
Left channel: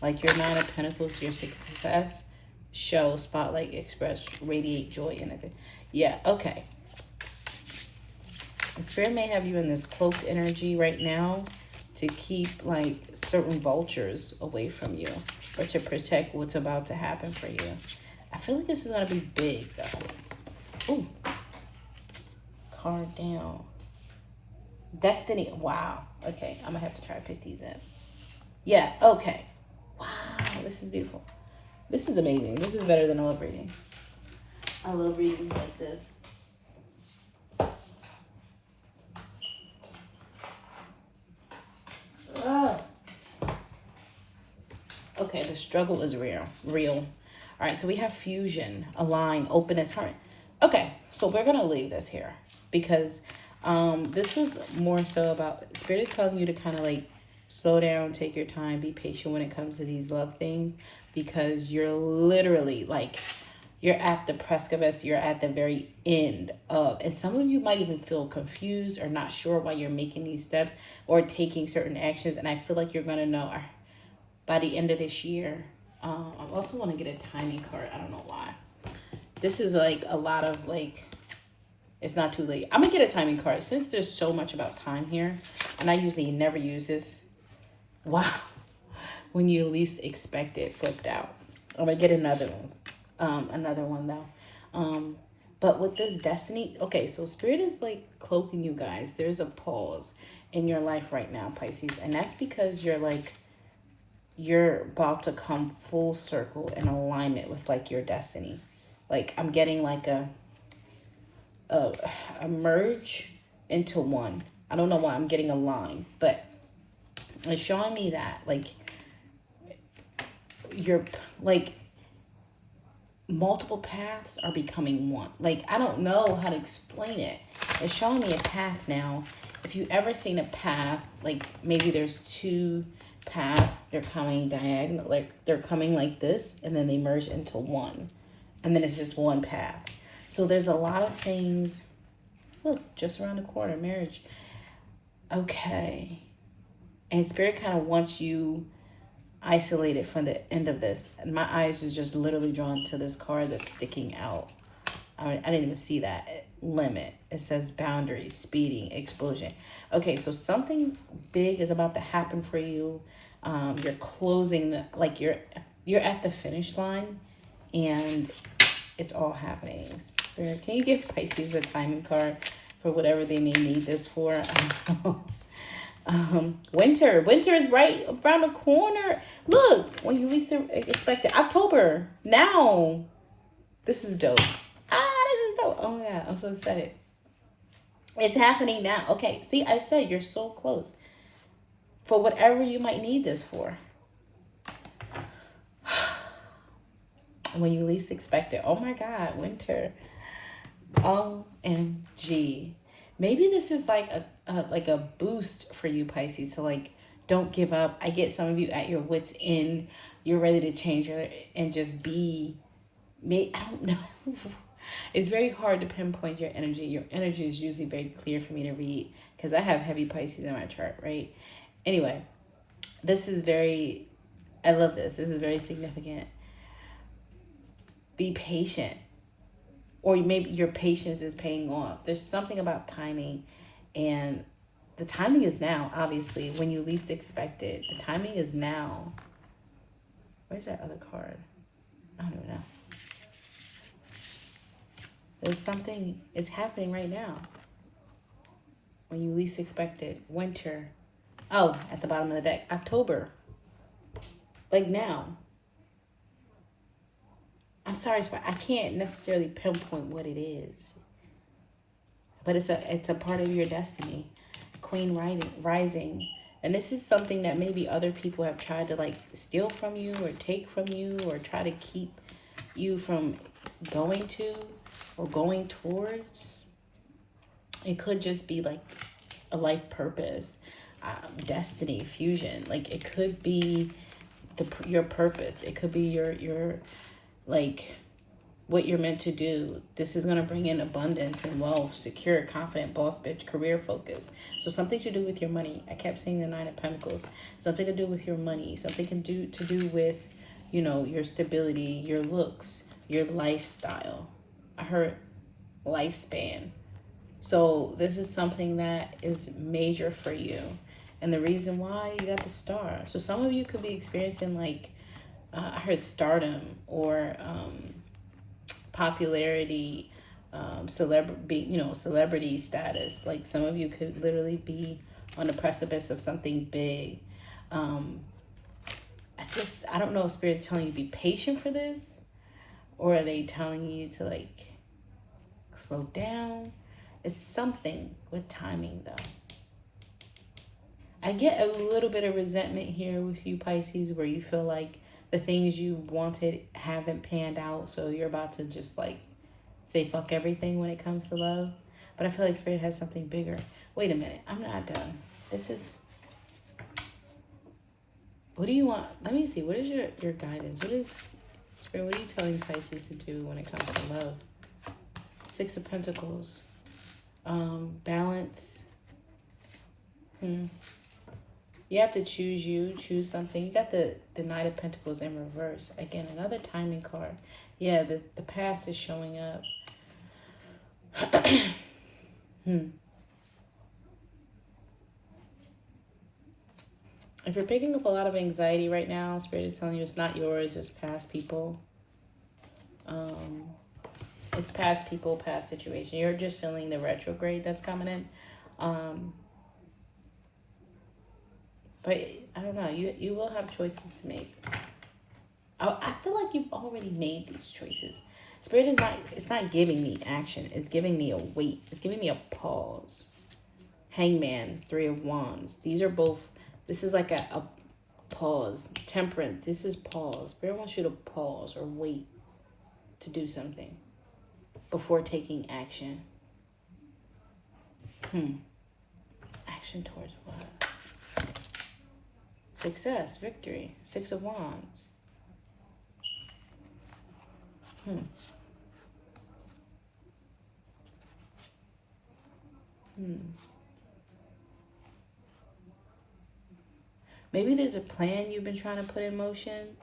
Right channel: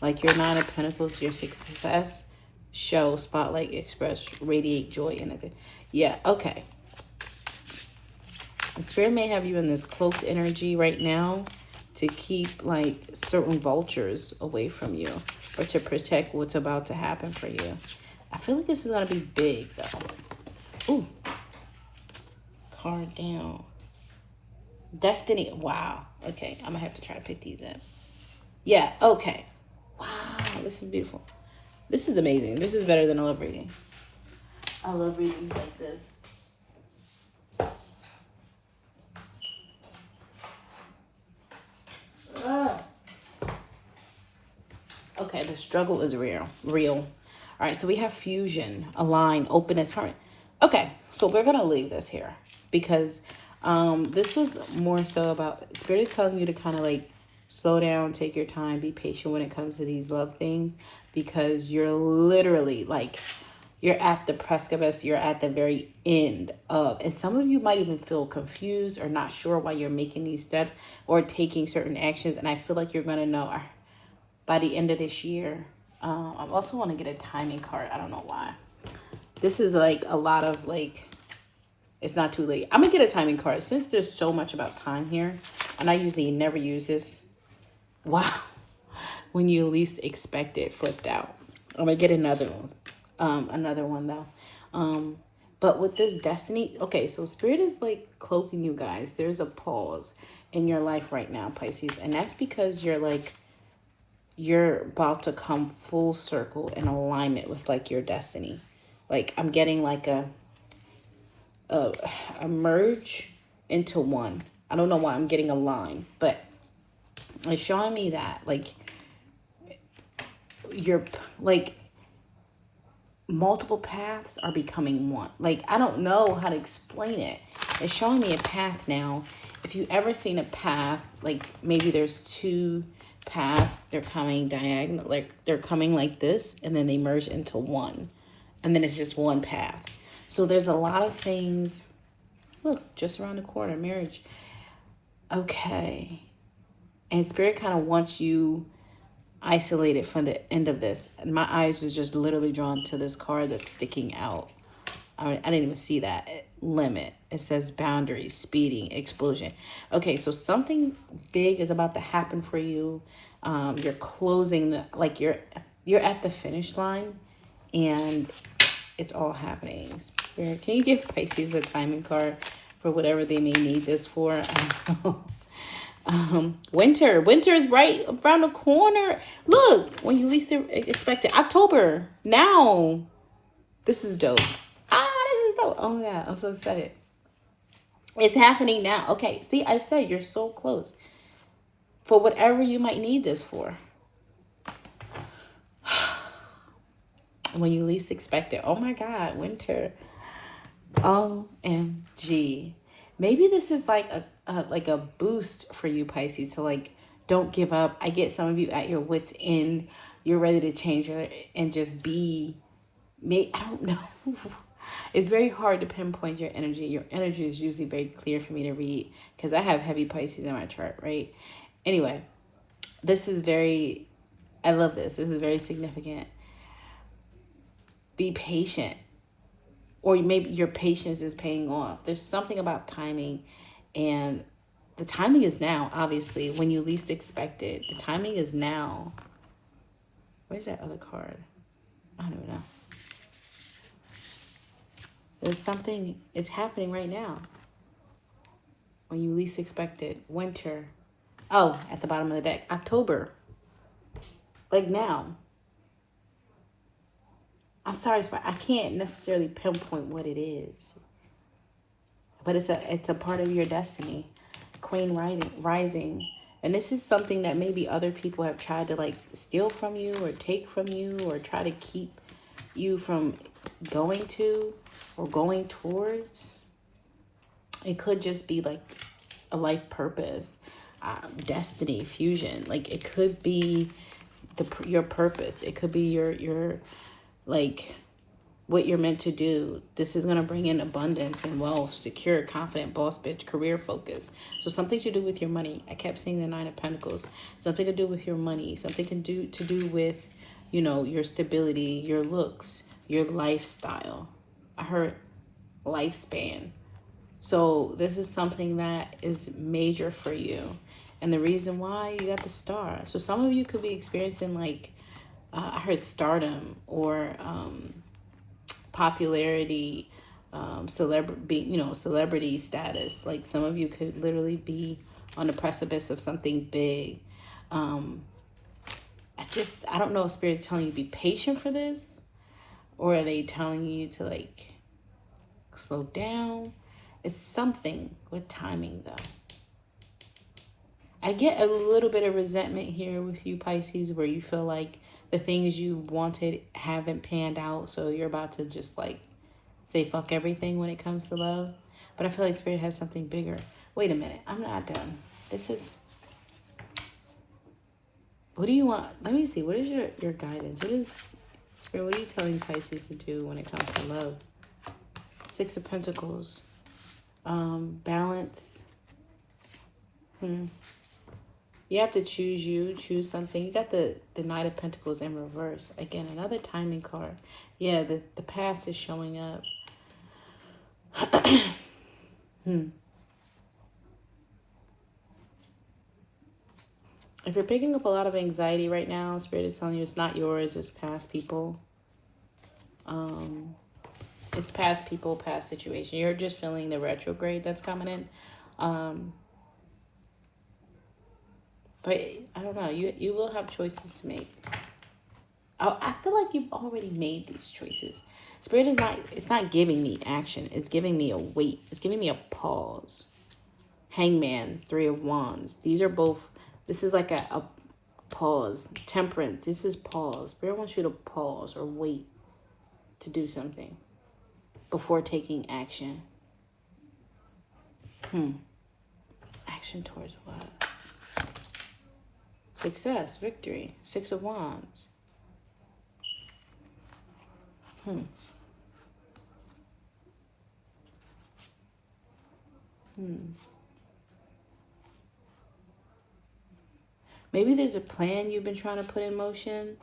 like your 9 of Pentacles, your success, show, spotlight, express, radiate joy, anything. Yeah, okay. The Spirit may have you in this cloaked energy right now to keep like certain vultures away from you, or to protect what's about to happen for you. I feel like this is gonna be big though. Ooh. Card down. Destiny. Wow. Okay, I'm gonna have to try to pick these up. Yeah, okay. Wow, this is beautiful. This is amazing. This is better than a love reading. I love readings like this. Okay, the struggle is real. All right, so we have fusion, align, openness, heart. Okay, so we're gonna leave this here because this was more so about, Spirit is telling you to kind of like slow down, take your time, be patient when it comes to these love things, because you're literally like, you're at the precipice, you're at the very end of, and some of you might even feel confused or not sure why you're making these steps or taking certain actions. And I feel like you're gonna know by the end of this year. I also want to get a timing card. I don't know why. This is like a lot of like, it's not too late. I'm gonna get a timing card since there's so much about time here, and I usually never use this. Wow. When you least expect it, flipped out. I'm gonna get another one though. But with this destiny, okay, so Spirit is like cloaking you guys. There's a pause in your life right now, Pisces, and that's because you're about to come full circle in alignment with like your destiny. Like I'm getting like a merge into one. I don't know why I'm getting a line, but it's showing me that like you're like multiple paths are becoming one. Like I don't know how to explain it. It's showing me a path now. If you've ever seen a path, like maybe there's 2 paths, they're coming diagonal, like they're coming like this, and then they merge into one, and then it's just one path. So there's a lot of things. Look, just around the corner, marriage. Okay. And Spirit kind of wants you isolated from the end of this. And my eyes was just literally drawn to this card that's sticking out. I didn't even see that. Limit. It says boundary, speeding, explosion. Okay, so something big is about to happen for you. You're closing the, like you're at the finish line, and it's all happening. Spirit, can you give Pisces a timing card for whatever they may need this for? Winter. Winter is right around the corner. Look, when you least expect it. October. Now. This is dope. This is dope. Oh yeah, I'm so excited. It's happening now. Okay, see, I said you're so close. For whatever you might need this for. When you least expect it. Oh my God, winter. OMG. Maybe this is like a boost for you, Pisces, to like, don't give up. I get some of you at your wits' end. You're ready to change it and just be, I don't know. It's very hard to pinpoint your energy. Your energy is usually very clear for me to read because I have heavy Pisces in my chart, right? Anyway, this is very, I love this. This is very significant. Be patient. Or maybe your patience is paying off. There's something about timing, and the timing is now, obviously, when you least expect it. The timing is now. Where's that other card? I don't know. There's something, it's happening right now. When you least expect it. Winter. Oh, at the bottom of the deck. October. Like now. I'm sorry, I can't necessarily pinpoint what it is. But it's a part of your destiny. Queen rising. And this is something that maybe other people have tried to like steal from you or take from you or try to keep you from going to or going towards. It could just be like a life purpose, destiny, fusion. Like it could be your purpose. It could be your like what you're meant to do. This is going to bring in abundance and wealth, secure, confident, boss bitch, career focus. So something to do with your money. I kept seeing the 9 of Pentacles. Something to do with your money. Something to do with, you know, your stability, your looks, your lifestyle. I heard lifespan. So this is something that is major for you. And the reason why, you got the star. So some of you could be experiencing like, I heard stardom or popularity, celebrity status. Like some of you could literally be on the precipice of something big. I don't know if Spirit's telling you to be patient for this, or are they telling you to like slow down? It's something with timing though. I get a little bit of resentment here with you, Pisces, where you feel like the things you wanted haven't panned out, so you're about to just like say fuck everything when it comes to love. But I feel like Spirit has something bigger. Wait a minute, I'm not done. This is, what do you want? Let me see, what is your guidance? What is, Spirit, what are you telling Pisces to do when it comes to love? 6 of Pentacles. Balance. You have to choose something. You got the 9 of Pentacles in reverse. Again, another timing card. Yeah, the past is showing up. If you're picking up a lot of anxiety right now, Spirit is telling you it's not yours, it's past people. It's past people, past situation. You're just feeling the retrograde that's coming in. But I don't know, you will have choices to make. I feel like you've already made these choices. Spirit is not, it's not giving me action. It's giving me a wait. It's giving me a pause. Hangman, 3 of Wands. These are both, this is like a pause. Temperance, this is pause. Spirit wants you to pause or wait to do something before taking action. Action towards what? Success, victory, 6 of Wands. Maybe there's a plan you've been trying to put in motion.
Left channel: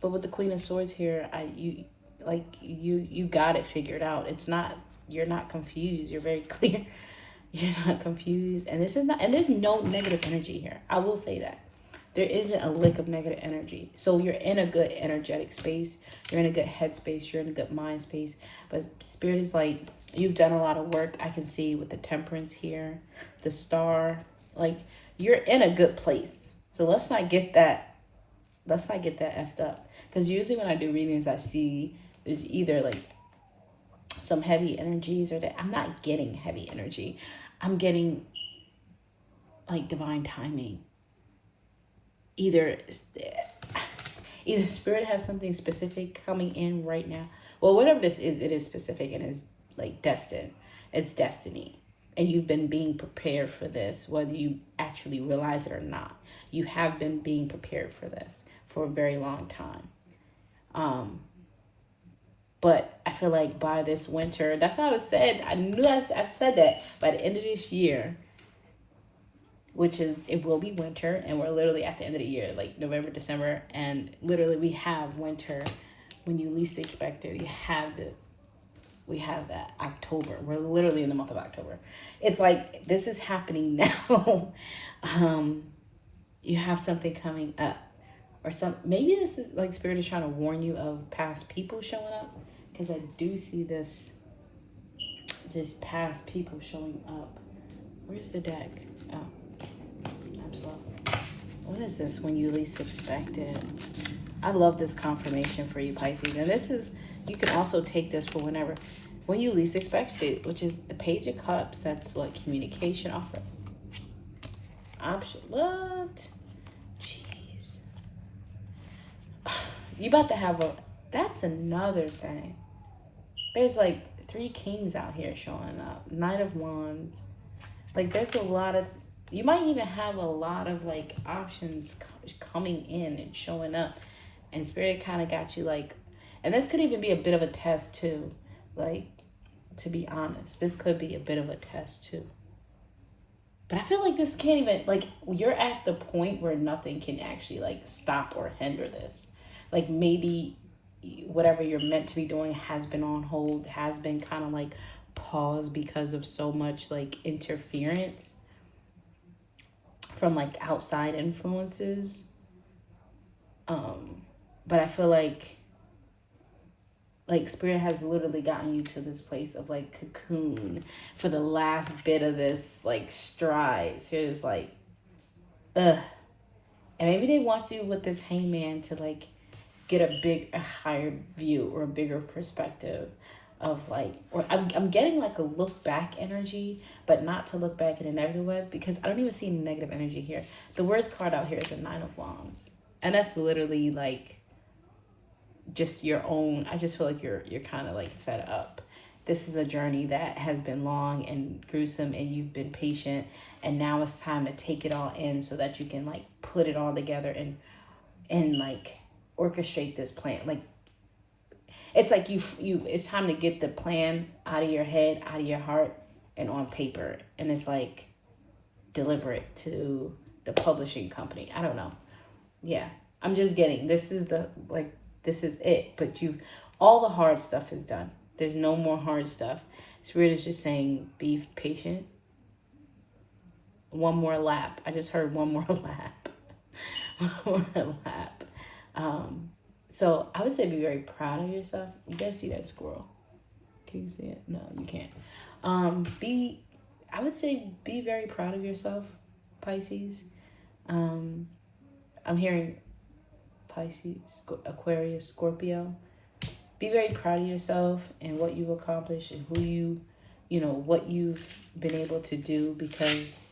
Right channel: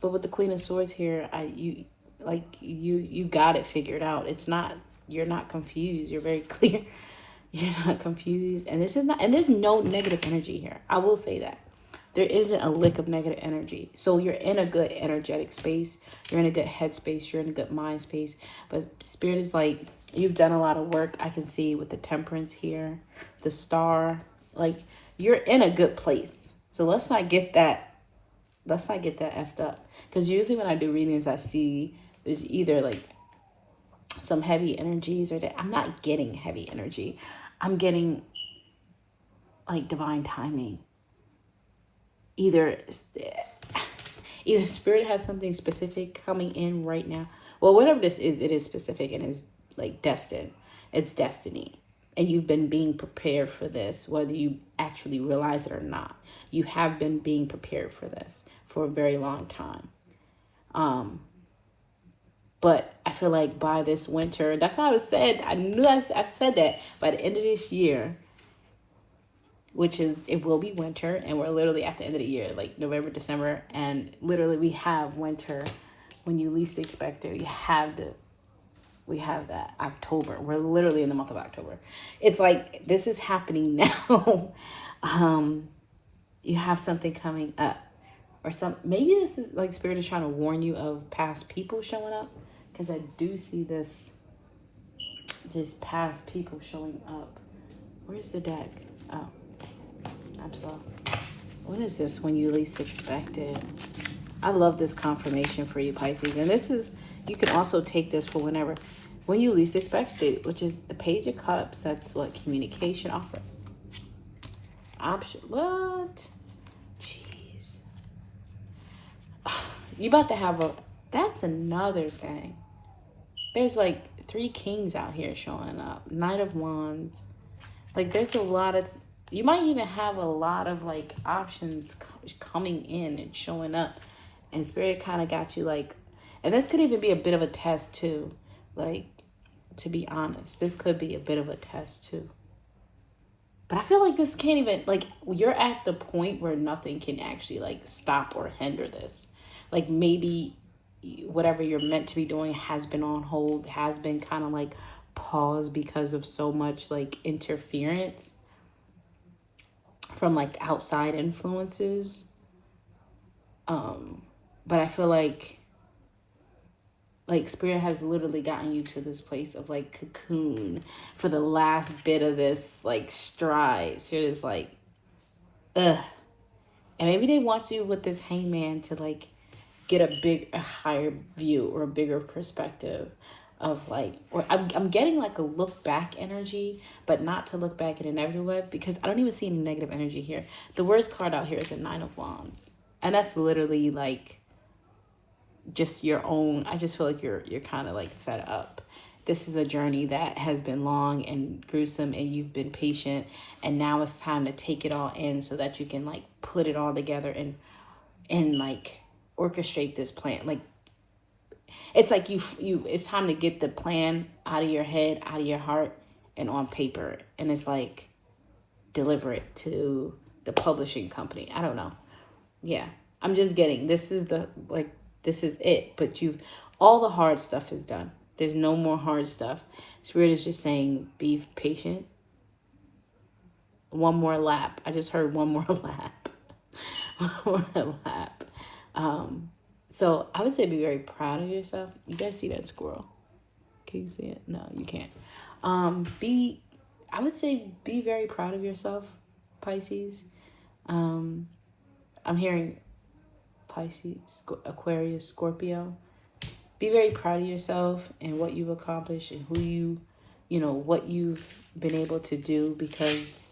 But with the Queen of Swords here, you got it figured out. It's not, you're not confused. You're very clear. You're not confused. And this is not, and there's no negative energy here. I will say that. There isn't a lick of negative energy. So you're in a good energetic space. You're in a good head space. You're in a good mind space. But Spirit is like, you've done a lot of work. I can see with the Temperance here, the Star. Like, you're in a good place. So let's not get that effed up. Because usually when I do readings, I see there's either like some heavy energies or that I'm not getting heavy energy. I'm getting like divine timing. Either Spirit has something specific coming in right now. Well, whatever this is, it is specific and is like destined. It's destiny. And you've been being prepared for this, whether you actually realize it or not. You have been being prepared for this for a very long time. But I feel like by this winter, that's how it said. I knew I said that by the end of this year, which is, it will be winter, and we're literally at the end of the year, like November, December, and literally we have winter when you least expect it. We have that October. We're literally in the month of October. It's like, this is happening now. You have something coming up, or maybe this is like Spirit is trying to warn you of past people showing up, because I do see this past people showing up. Where's the deck? Oh, I'm sorry. What is this when you least expect it? I love this confirmation for you, Pisces. And this is, you can also take this for whenever, when you least expect it, which is the Page of Cups. That's what communication offer. Option. What? Jeez. You about to have that's another thing. There's like 3 kings out here showing up. Knight of Wands. Like, there's a lot of, you might even have a lot of like options coming in and showing up. And Spirit kind of got you like, and this could even be a bit of a test too. Like, to be honest, this could be a bit of a test too. But I feel like this can't even, like, you're at the point where nothing can actually like stop or hinder this. Like, maybe whatever you're meant to be doing has been on hold, has been kind of like paused because of so much like interference from like outside influences. But I feel like Spirit has literally gotten you to this place of like cocoon for the last bit of this like stride. So it's like, ugh. And maybe they want you with this Hangman to like get a higher view or a bigger perspective of like, or I'm getting like a look back energy, but not to look back in a negative way, because I don't even see any negative energy here. The worst card out here is a 9 of Wands. And that's literally like just your own, I just feel like you're kind of like fed up. This is a journey that has been long and gruesome, and you've been patient, and now it's time to take it all in so that you can like put it all together and like orchestrate this plan. Like, it's like it's time to get the plan out of your head, out of your heart, and on paper. And it's like, deliver it to the publishing company. I don't know. Yeah, I'm just getting, this is it. But all the hard stuff is done. There's no more hard stuff. Spirit is just saying, be patient. One more lap. I just heard one more lap. One more lap. So I would say be very proud of yourself. You guys see that squirrel? Can you see it? No, you can't. I would say be very proud of yourself, Pisces. I'm hearing Pisces, Aquarius, Scorpio. Be very proud of yourself and what you've accomplished and who what you've been able to do, because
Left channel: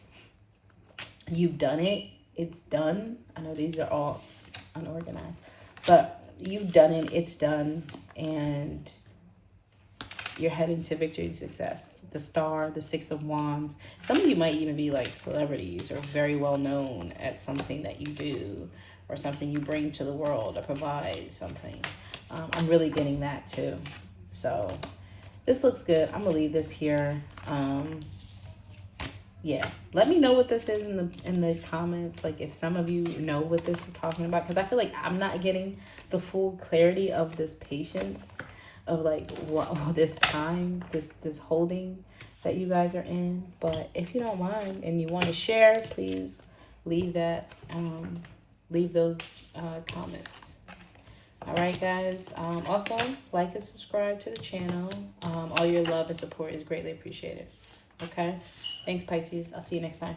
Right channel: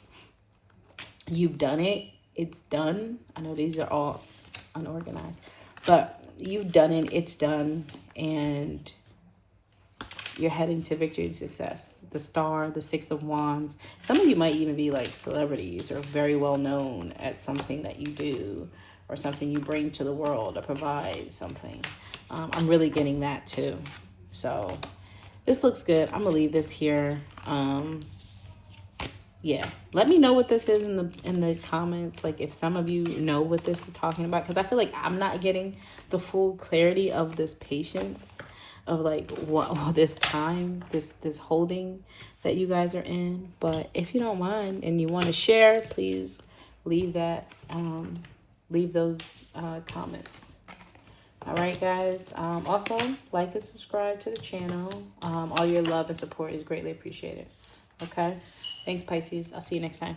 you've done it. It's done. I know these are all unorganized, but you've done it. It's done. And you're heading to victory and success. The Star, the 6 of Wands. Some of you might even be like celebrities or very well known at something that you do or something you bring to the world or provide something. I'm really getting that too. So this looks good. I'm going to leave this here. yeah, let me know what this is in the comments. Like if some of you know what this is talking about, because I feel like I'm not getting the full clarity of this patience, of like what this time, this holding that you guys are in. But if you don't mind and you want to share, please leave that leave those comments. All right, guys. Also, like and subscribe to the channel. All your love and support is greatly appreciated. Okay? Thanks, Pisces. I'll see you next time.